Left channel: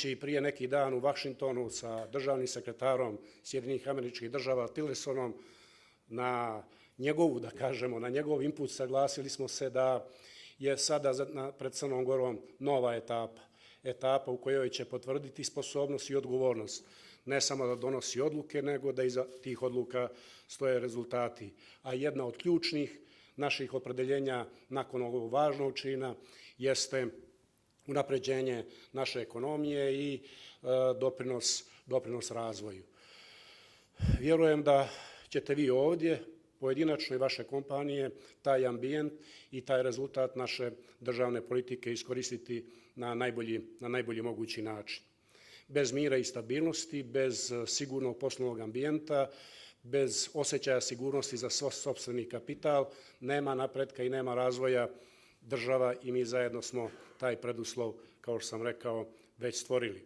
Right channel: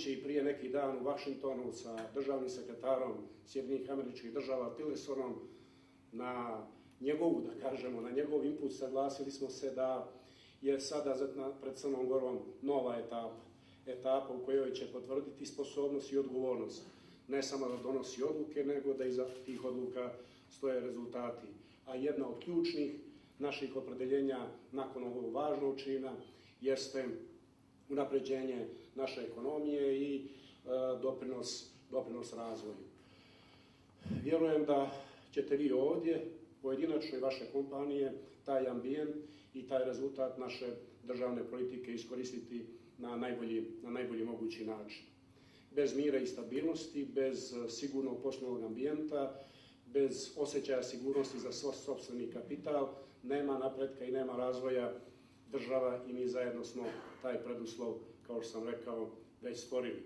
govoreći prije neki dan u Vašingtonu sa državnim sekretarom Sjedinjenih Američkih Država Tillersonom na njegovu, da kažemo, na njegov input saglasili smo se da je sada pred Crnom Gorom nova etapa u kojoj će potvrditi sposobnost i odgovornost, ne samo da donosi odluke, nego da iza tih odluka stoje rezultati. A jedna od ključnih naših opredeljenja nakon ovog važnog čina jeste unapređenje naše ekonomije i doprinos razvoju. Vjerujem da ćete vi ovdje, pojedinačno i vaše kompanije, taj ambijent i taj rezultat naše državne politike iskoristiti na najbolji mogući način. Bez mira i stabilnosti, bez sigurnog poslovnog ambijenta, bez osjećaja sigurnosti za sopstveni kapital, nema napretka i nema razvoja. Država i mi zajedno smo taj preduslov, kao što sam rekao, već stvorili.